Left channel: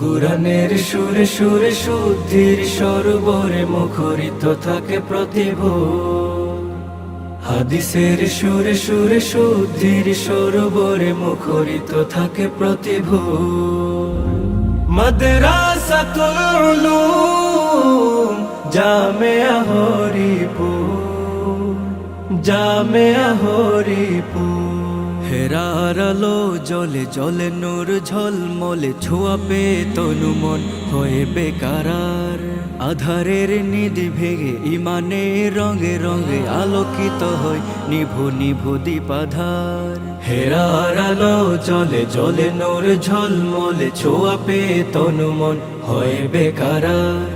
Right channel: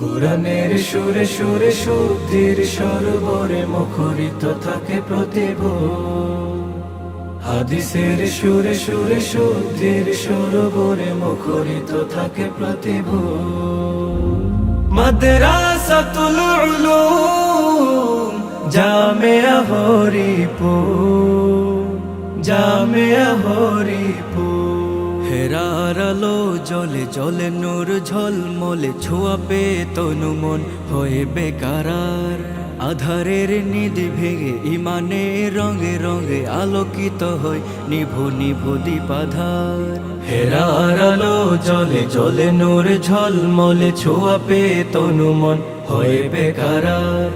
কুরআনের সুরে সুরে শুদ্ধির সরোবরে মুখরিত থাকে প্রতিভোর। হাদিসের সুরে সুরে শুদ্ধির সরোবরে মুখরিত থাকে প্রতিভোর। মাদ্রাসাতুল উলুম জামিয়া হরিপুর, জামিয়া হরিপুর। হেরার আলো জলে জলে নূর ঝলমলে ছোঁয়া পেয়ে তনু মন হয়ে বেকারার। আধারের নিধি ভেঙে ইমানের রঙে রঙে আলোকিত হয় নিভু নিভু দীপাধার। হেরার আলো জলে জলে নূর ঝলমলে ছোঁয়া পেয়ে তনু মন হয়ে বেকারার।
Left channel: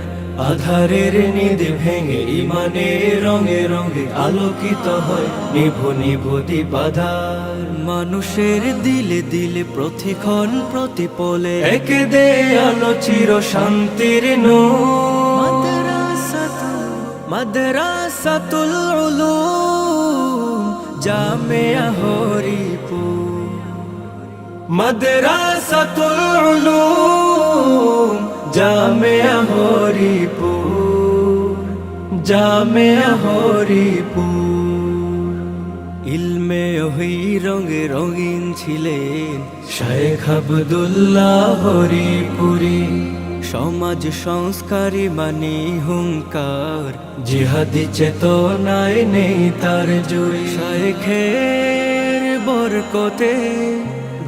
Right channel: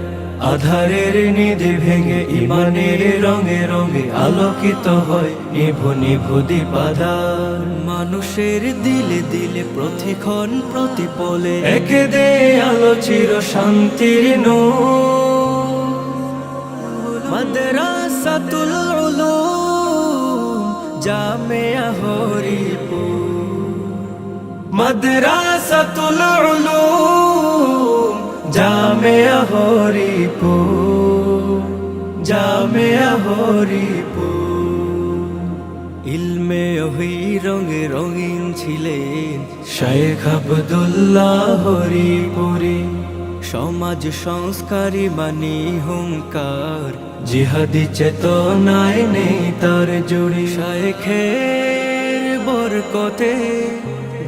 আধারের নিধি ভেঙে ইমানের রঙে রঙে আলোকিত হয় নিভু নিভু দীপাধার। মানুষের দিলে দিলে প্রতিক্ষণ প্রতিপলে একে দে আলো চির শান্তির নূর। মাদ্রাসাতুল উলুম জামিয়া হরিপুর, মাদ্রাসাতুল উলুম জামিয়া হরিপুর, জামিয়া হরিপুর। ইলমে ওহি রঙে রঙিন ছিলেন শায়েখ আব্দুল্লাহ হরিপুরি। সমাজ সংস্কারী মানি হুঙ্কার, জিহাদি চেতনায় নেই তার জুড়ি। শায়েখের বরকতে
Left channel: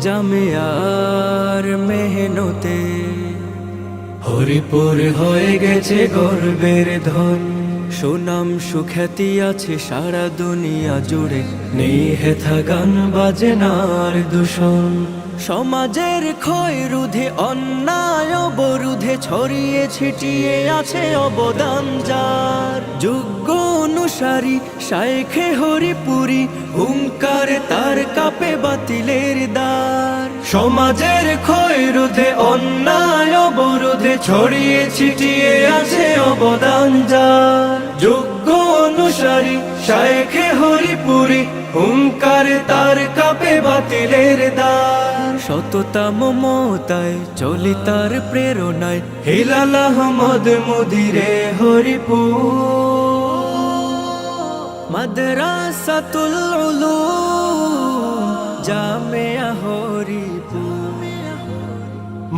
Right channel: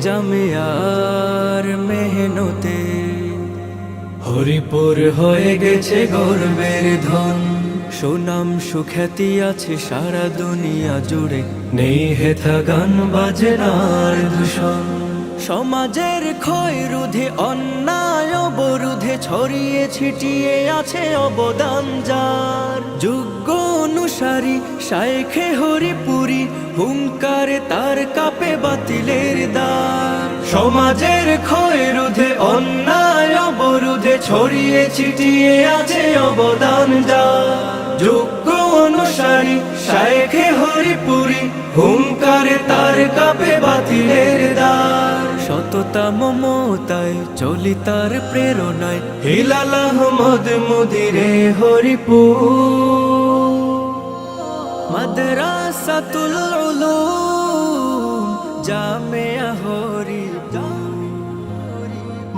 জামিয়ার মেহনতে হরিপুর হয়ে গেছে গর্বের ধন। সুনাম সুখ্যাতি আছে সারা দুনিয়া জুড়ে, নেই হেথা গান বাজনার দূষণ। সমাজের ক্ষয় রোধে অন্যায় অবরোধে ছড়িয়ে ছিটিয়ে আছে অবদান যার। যোগ্য অনুসারী শায়েখে হরিপুরি, হুঙ্কারে তার কাপে বাতিলের দ্বার। সমাজের ক্ষয় রোধে অন্যায় অবরোধে ছড়িয়ে ছিটিয়ে আছে অবদান যার। যোগ্য অনুসারী শায়েখে হরিপুরি, হুঙ্কারে তার কাপে বাতিলের দ্বার। সততা মমতায় চলি তার প্রেরণায় হিলাল আহমদ মুদিরে হরিপুর। মাদ্রাসাতুল উলুম জামিয়া হরিপুর,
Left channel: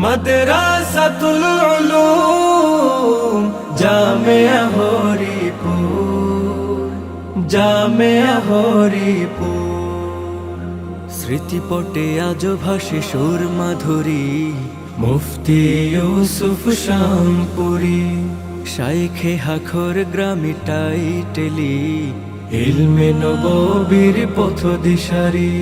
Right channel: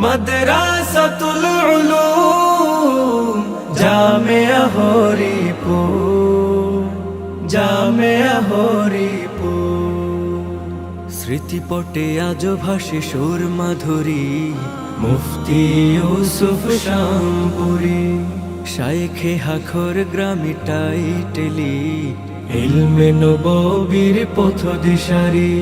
মাদ্রাসাতুল উলুম জামিয়া হরিপুর, জামিয়া হরিপুর। স্মৃতিপটে আজ ভাসে সুর মাধুরী মুফতি ইউসুফ শামপুরি। শায়েখে হাখর গ্রামে টাইটেলি ইলমে নববীর পথ দিশারি।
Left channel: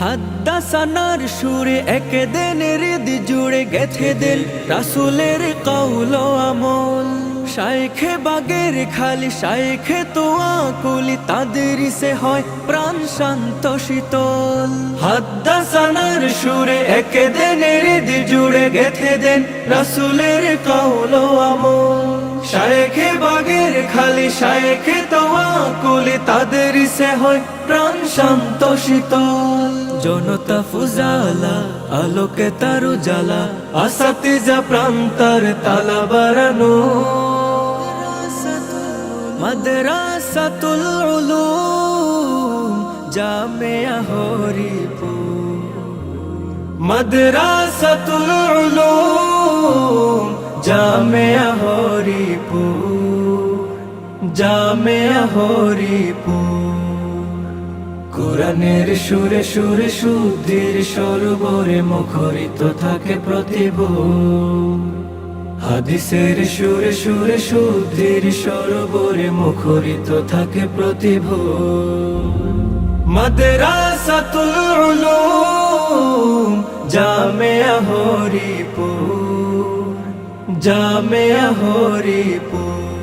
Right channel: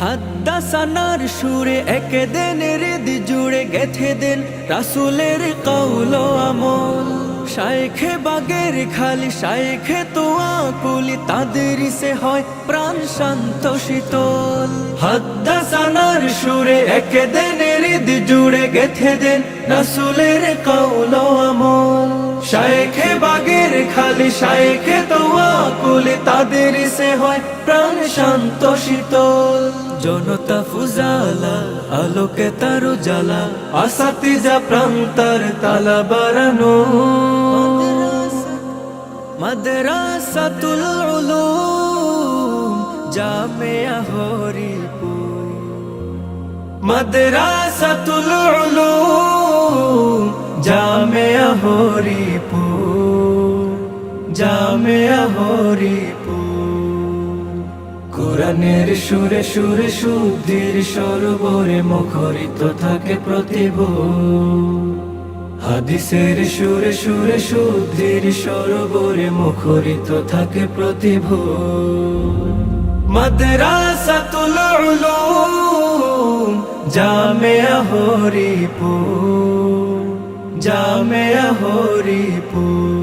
হাদ্দাসানার সুরে একে দেন হৃদি জুড়ে গেথে দেন রাসূলের কওল আমল। শায়েখে বাগের খালি শায়েখে তোয়া কুলি, তাদের সে হয় প্রাণ শান্ত শীতল। হাদ্দাসানার সুরে একে দেন হৃদি জুড়ে গেথে দেন রাসূলের কওল আমল। শায়েখে বাগের খালি শায়েখে তোয়া কুলি, তাদের সে হয় প্রাণ শান্ত শীতল। জনতা ফুজালা আলোকে তার উজালা, আসাতিজা প্রান্তার তালা বারানো। মাদ্রাসাতুল উলুম জামিয়া হরিপুর, মাদ্রাসাতুল উলুম জামিয়া হরিপুর, জামিয়া হরিপুর। কুরআনের সুরে সুরে শুদ্ধির সরোবরে মুখরিত থাকে প্রতিভোর। হাদিসের সুরে সুরে শুদ্ধির সরোবরে মুখরিত থাকে প্রতিভোর। মাদ্রাসাতুল উলুম জামিয়া হরিপুর, জামিয়া হরিপুর।